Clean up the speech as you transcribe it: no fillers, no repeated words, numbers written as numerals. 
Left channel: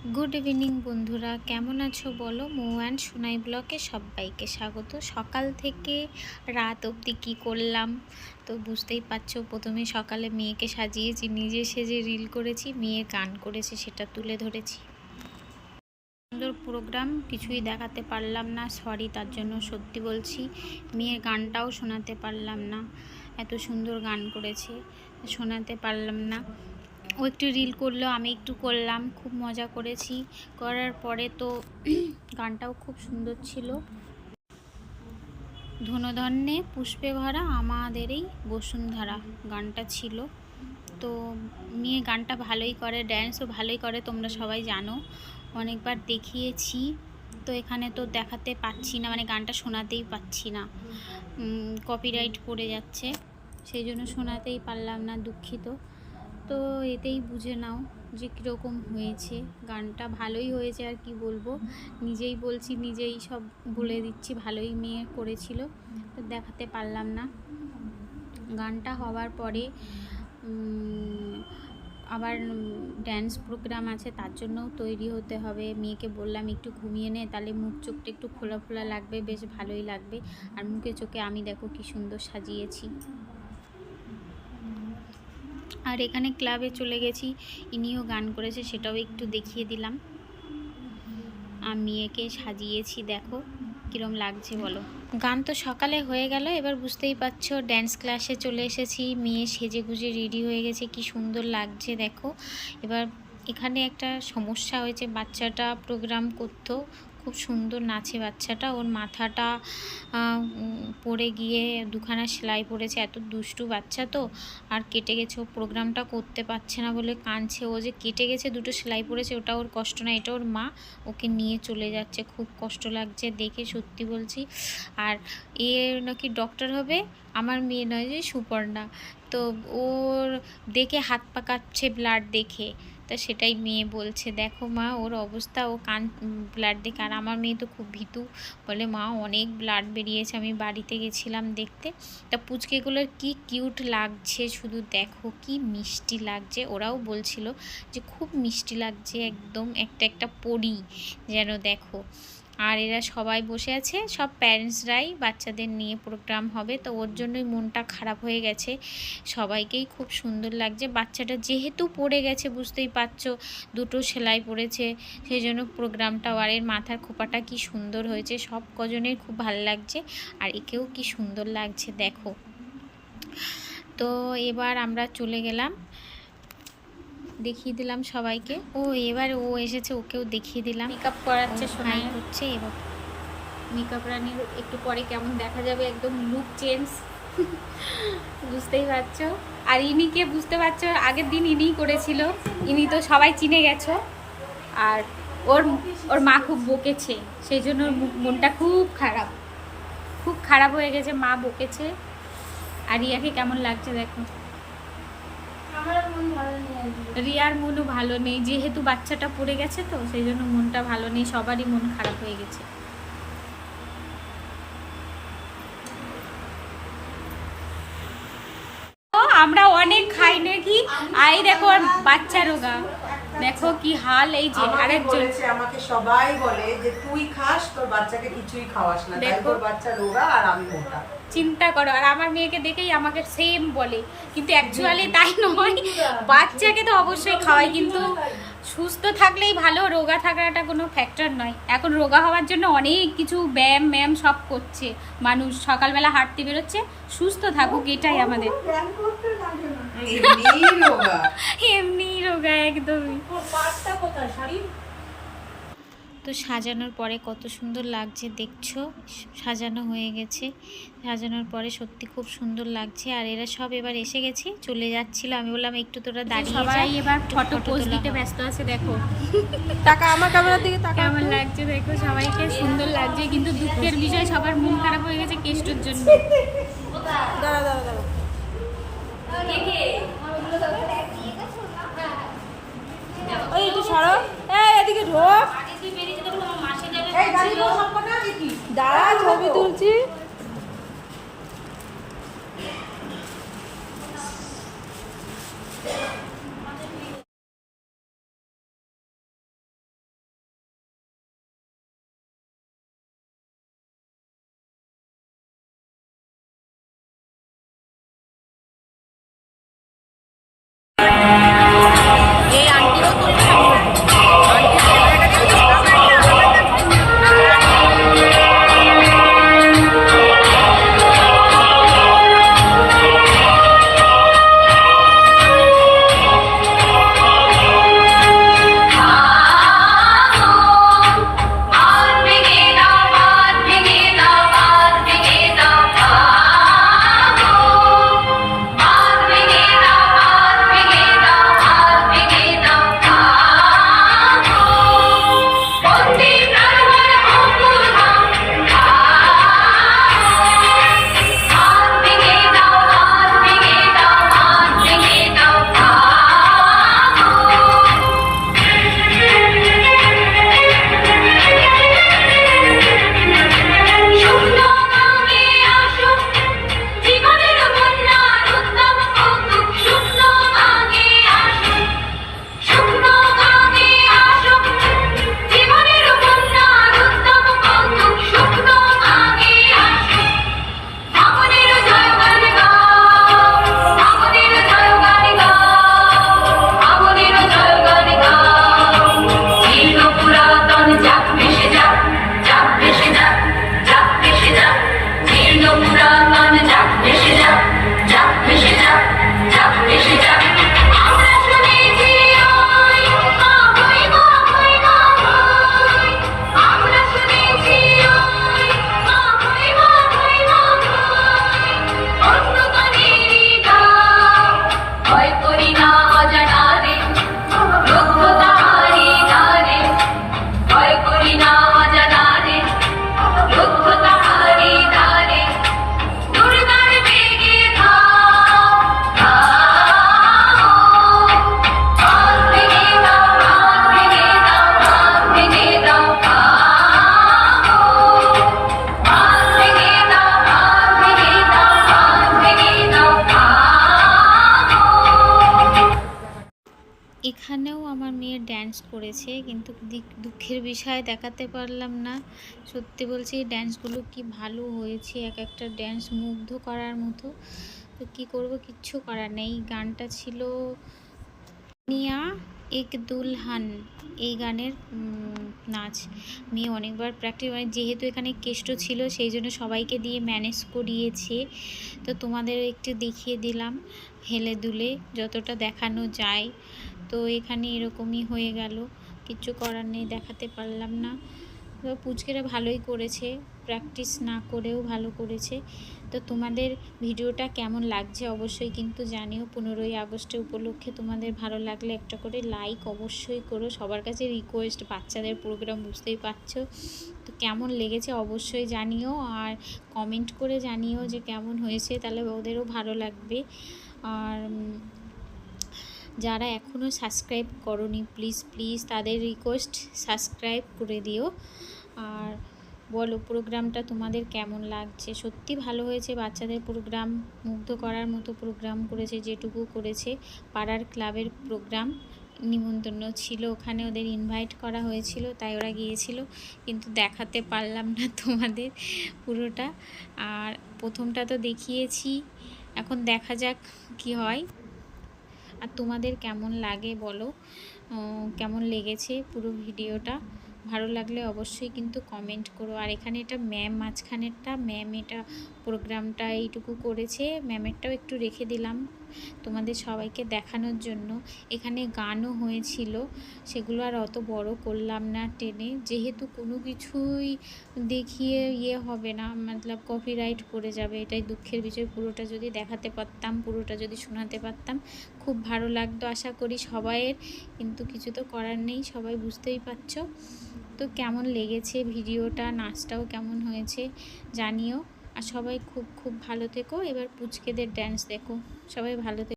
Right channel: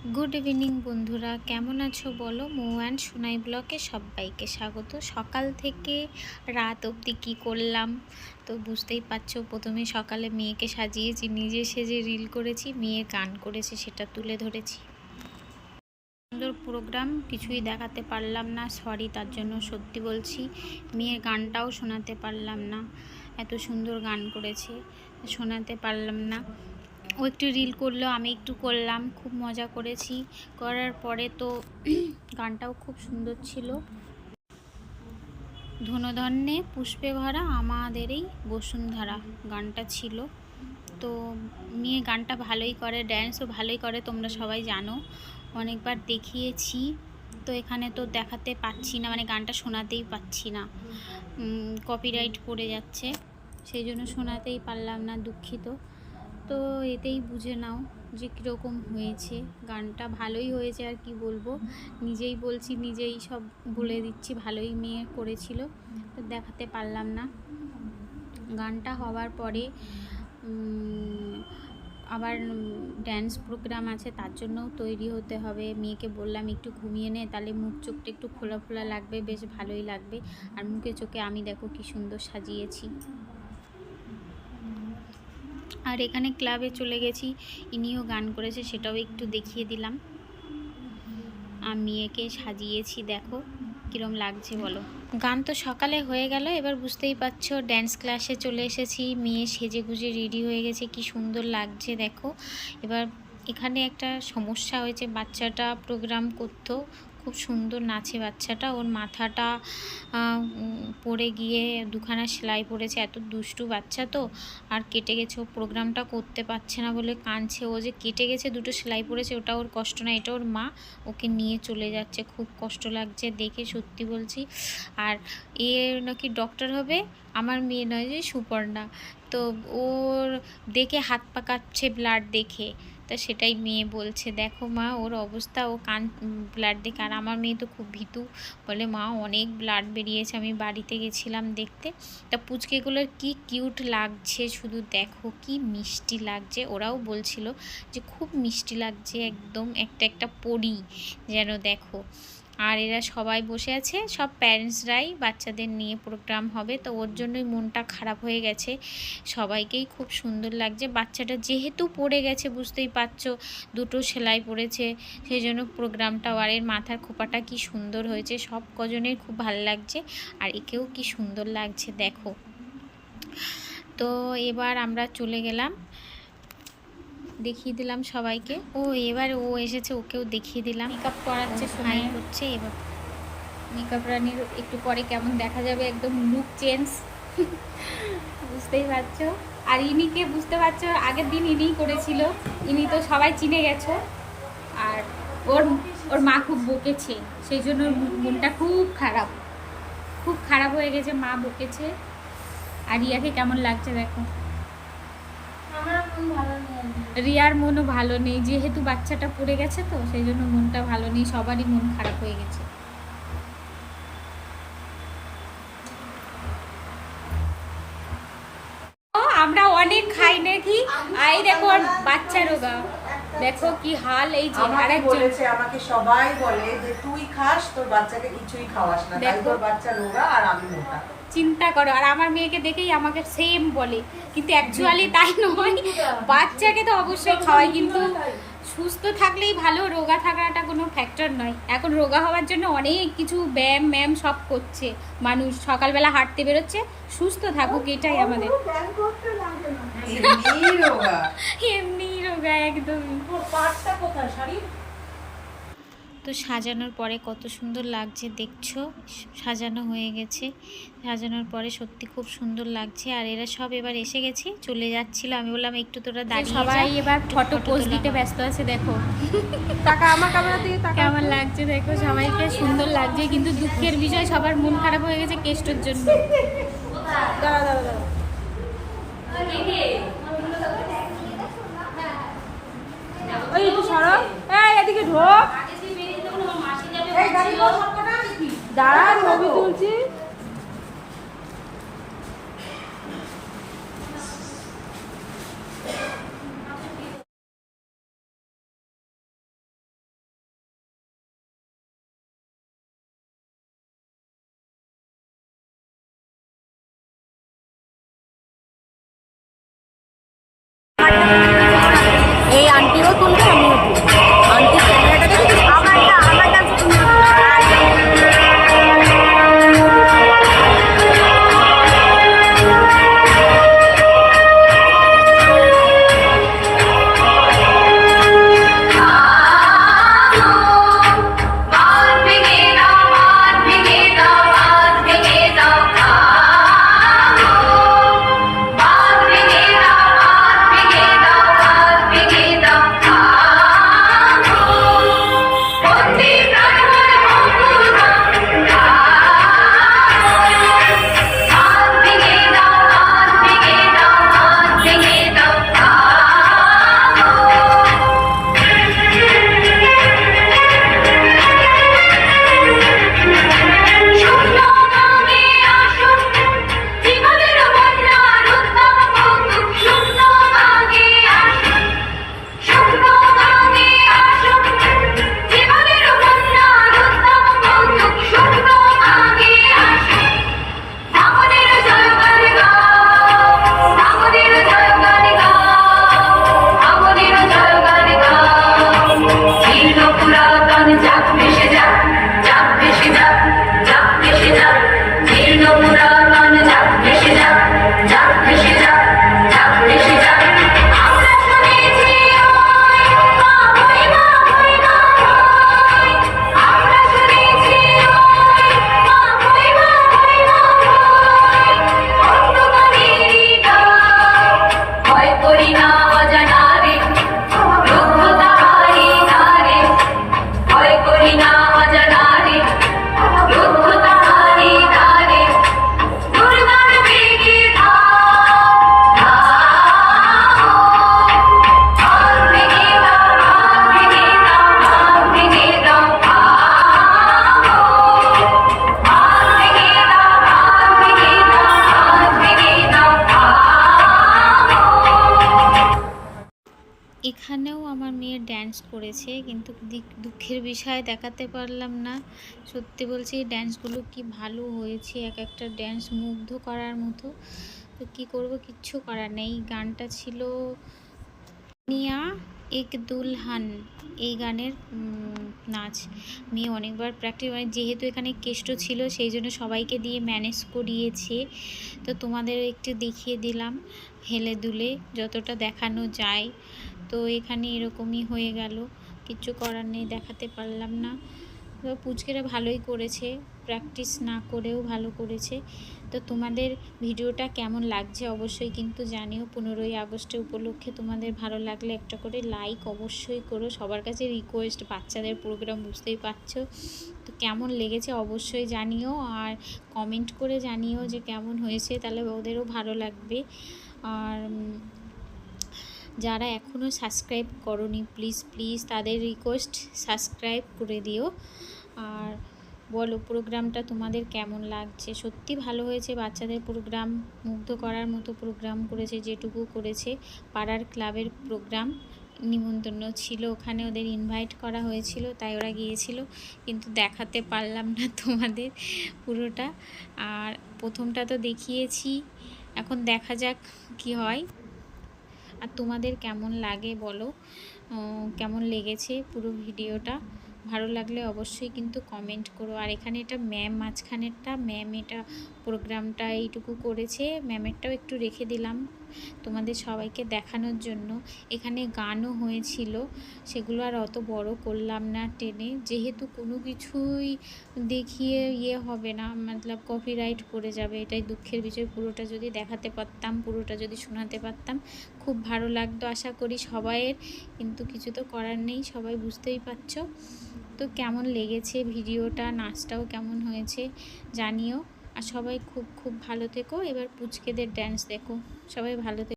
Good evening বন্ধুরা, কেমন আছো বলো। মৌ অ্যান্ড সোনাই ব্লগে সবাইকে স্বাগত। সকাল থেকে রাত অবধি কী করলাম তো বুঝতেই পারছো। প্রথমে সকালে মেয়েকে সাজিয়েছি, নিজে সেজে রিল করেছি, মেয়ে গান করেছে সেটা তুলে ধরেছি। সুন্দর প্রোগ্রাম, কিছুই দেখাতে পারলাম না, সরি তার জন্য। সত্যি বলছি, মেয়ের গানটাও শোনাতে পারলাম না। এত সুন্দর গান করেছে, শোনাতে পারলাম না। ও একটু রিল করলো, আমি একটু করলাম, খুব মজা করেছি। করার পরে তো গানটাও খুব সুন্দর ছিল। ধনধান্যে পুষ্পে ভরা আমাদের এই বসুন্ধরা গানটা ছিল। তো মেয়ে গানটা ভালোই করে, ড্যান্সও ভালোই করে, তোমরা সবাই জানো, অনেকবার দেখিয়েছি। তো এখানে তো দেখাতে পাচ্ছি না, মানে গানটা শোনাতেই পাচ্ছি না, কপিরাইট পড়ে যাচ্ছে, সেই জন্য শোনাতেই পারলাম না, দুঃখিত। তো এতেই বুঝে নাও যে কীরকম হয়েছে। গানটা ভালোই হয়েছে, আর কি বলবো, নিজেই বলছি, নিজেই সব বলে দিচ্ছি, ভালোই মেয়ে করেছিল। তো দেখাতে পারলাম না। গানটা হওয়ার পরে আবার ড্যান্স প্রোগ্রাম আছে, তার জন্যও তৈরি হতে হবে। মেয়েকে বললাম একটু ঘুমিয়ে নে, তাহলে মুখ চোখটা একটু খোলা খোলা লাগবে, বেশ ভালোই লাগবে। আর মুখে চোখে আমি দেখো কি সুন্দর সাজিয়েছি। আর এখানে ক্লাবে চলে গেছি, ইনিও গান করেছে, সেটাও একটু দেখিয়ে দিলাম। আর মেয়েকে সাজিয়েছি, দেখো কীরম লাগছে বলো। গান তো সকালে হয়ে গেল, এবার বুঝতেই পারছো ড্যান্স ক্লাসে চলে এসেছি। মেয়ে সেজে গুজে রেডি হয়ে গেছে, কি সুন্দর লাগছে দেখো। এবার এখানে একটা সমস্যা হয়েছে, বাচ্চাটা প্রোগ্রাম করতো, খুব সুন্দর নাচে বাচ্চাটা, ওর মাথাটা পড়ে গিয়ে দুখানা সেলাই পড়েছে। এত দুষ্টু বাচ্চা তো, আর কেটে গেছে, ও প্রোগ্রামটা করতে পারছে না বলে কাঁদছে। ও যে কেটে গেছে, দুটো সেলাই পড়েছে, ওটা ওর কষ্ট না, এটা ওর মা ওকে নিয়ে চলে যাচ্ছে। খুব কষ্ট লাগছে দেখে, সত্যি বলছি। আর এ নাকি ডক্টর হবে, আমার মেয়ে নয় যে সুপর্ণা, তো ওর দেখে হাত পা কাঁপছে ব্লাড দেখে। তা সেটাই মেয়ে বলছে, দেখো মা ওর অবস্থা, ও ব্লাড দেখে। আর আমার মেয়ে তো খুব ভীতু, বলে মা অনেক ব্লাড বেরিয়েছে, আমি বাড়িতে গেছিলাম দেখতে। তা পুচকেগুলোর কি কিউট লাগছে, শুধু দেখো কি মিষ্টি লাগছে। ওরাও বলছিল যে খুব মিষ্টি লাগছে, একদম একটা একটা পরী যেন, দেখো। আর এরা সবাই বসে আছে, সব প্যারেন্টসরাই, বাচ্চাদের নিয়ে প্রোগ্রাম হবে, তো ওর জন্যই মনটা খারাপ হয়ে গেছে। সবাইকেই খুব সুন্দর লাগছে। বাচ্চাটা যেহেতু পড়ে গেছে, বুঝতেই পারছো, দুটো সেলাই পড়েছে, সেই জন্য প্রোগ্রামটাও, আর এর মাথার খোপাটা কি সুন্দর হয়েছে, সব কজনের খুব ভালো লাগছে। আর একেও কি সুন্দর লাগছে দেখো। তো এবার আমরা চলে গেলাম, দেখিয়ে দিলাম সবাইকে। ও এবার ও এসেছে, ওকেও দেখিয়ে দিলাম। মেকআপ করাচ্ছে, সোনাই করছে। এবার মেকআপ রানির একটু পরে কেমন দেখা যাবে, একদম লুক চেঞ্জ, বুঝতেই পারছো। আর ইনিকে বুঝতে পারছো, আগের দিন ইনিই করেছিল, ইনি তো সবাই চিনে গেছো। আর ওর ওর মা খুব বকেছে, সেই জন্য মনটা খুব খারাপ, খুব খারাপ হয়ে গেছে, মা বকেছে। আর রিয়াকে কেমন লাগছে দেখো। রিয়ার মনও ভালো নেই, যেহেতু বাচ্চাটা পড়ে গেছে, তো সেই জন্য মনটা ভালো নেই, সবারই মন খারাপ হয়ে গেছে। আমরা অনেক খাই নাকি, আই দেখো আর বাচ্চা রোগা, দেখো কি হাল। এই যে আরেকজন আমাকে সবাই বলে যে তুই খাস, তোর বাচ্চাকে কিছুই খাওয়াস না, তাই তোর বাচ্চা রোগা আর আমি মোটা। চিন্তা করো, আর আমার মেয়েকে দেখেই আমাকে সেম বলে, কিন্তু অ্যাকচুয়ালি তাই নয়। বাচ্চাকে তো অবশ্যই খাওয়াই, কিন্তু সুস্থ থাকলেই ভালো, রোগা থাকাটা কোনো ফ্যাক্টর নয়। এখন রোগা হওয়ার জন্য অনেক কিছু ব্যায়াম ম্যাম সব করছে মানুষ, সকালবেলা হাঁটতে বেরোচ্ছে। সুস্থ থাকুক, এটাই আমাদের। এমনি রোগা একদমই। তো সাজানোর পরে কত সুন্দর লাগছে দেখছো, সাজানো হয়ে গেছে। সাজানোর পরে সত্যি খুব সুন্দর লাগছে। আর এরা সব এবার এসে গেছে, চলে যাচ্ছিল, আমি বললাম একটু তোরা দাঁড়িয়ে যা, সবাই এবার ফটো পোজ দিতে ব্যস্ত আছে। দেখো কেমন লাগছে দেখো, সবাইকে সুন্দর লাগছে, কিন্তু দুঃখের বিষয় সবার মন খারাপ হয়ে গেছে কেষ্টর জন্য। দাঁড়া, ছবি তুলছি। এই আন্টিও তুলছে আন্টির ক্যামেরাটাকে একটু এখানেও আমার মেয়ে ড্যান্স করেছে, কিন্তু দুঃখের বিষয় দেখাতে পারলাম না। সত্যি বলছি এই ড্যান্সগুলো কি ভালো হয়েছে, এক একটা ড্যান্স মুগ্ধ করার মতো। তো কি করব, কিচ্ছু করার নেই। গানটা ছিল নিয়া এক দুলহান, এই গানের নাচ। মেয়ে অনেকবার প্র্যাকটিস, মানে যেহেতু এখানে কেষ্ট ছিল সেই জন্য সবাইকে দিয়ে ম্যানেজ করিয়েছে। তো তোমাদের একটু দেখিয়ে দিলাম হেলে দুলে যতটা দেখানো যায়। তো এখানে এরকমই হয়ে গেল, কিচ্ছু করার নেই, দেখাতে পারলাম না। তো পুচকেরা ভালোই করেছে, প্র্যাকটিস না করেও ভালো করেছে। তো তোমাদের ভিডিওটা কেমন লাগছে অবশ্যই কিন্তু জানিও। 15ই আগস্টে উপলক্ষে তোমাদের ভালো লাগলে একটা করে লাইক অবশ্যই করো। সবার কাছে রিকোয়েস্ট, বাচ্চাদের প্রোগ্রাম বুঝতেই পারছো। তো কেমন লেগেছে অবশ্যই জানিও, আর কমেন্ট করে জানিও যে কেমন হয়েছে, তাহলে ওদেরও ভালো লাগবে। আর যারা এখনও সাবস্ক্রাইব করোনি প্লিজ তাদের রিকোয়েস্ট সাবস্ক্রাইব করে দিও। আর বলো প্রোগ্রামটা তোমাদের কেমন লাগছে। সত্যি ভালো হয়েছে, বাচ্চাদের প্রোগ্রাম মুগ্ধ করার মতো প্রোগ্রাম করেছে। যেটুকু করেছে পাড়ার ক্লাবের প্রোগ্রাম, নিমন্ত্রণ ছিল, ওখানে ওদের ইনভাইট করা হয়েছিল, তাই ওরা গিয়েছিল, কিন্তু দেখাতে পারলাম না তোমাদের পুরোটা। আর প্রথমটা তো দেখিয়েছি, এখন দেখা যাক কি হয়। আর তোমাদের কেমন লাগে বলো, কেমন লেগেছে পুরো ভিডিওটা। ভালো লাগলে অবশ্যই কিন্তু কমেন্ট করো। আর এখানে এটা ম্যাম, মাঝখানেরটা ম্যাম এটা প্রোগ্রামটা এইটুকু করেছে, ম্যামেরটাও একটু রেখে দিলাম তোমাদের সবাইকে দেখানোর জন্য। এখানে গানও হয়েছিল, সেগুলো আর অত বড় করলাম না টেনে, যেহেতু কোনো কিছুই দেখিয়ে হবে না, মতলব কপিরাইট পড়ে যাবে, এটাই দুঃখের বিষয়। পুরোটা যদি দেখাতে পারতাম, পুরোটা যদি শোনাতে পারতাম খুব ভালো লাগতো আশা করি সবাইয়ের, কিন্তু কিছু তো করার নেই, সবাই বুঝতেই পারছো। তো কেমন লেগেছে ভিডিওটা, নাচটাও কেমন হয়েছে জানিও। আর সবাই খুব ভালো থেকো। এবার পুচকেদের ড্যান্স দেখো, সবাই ভালো থেকো।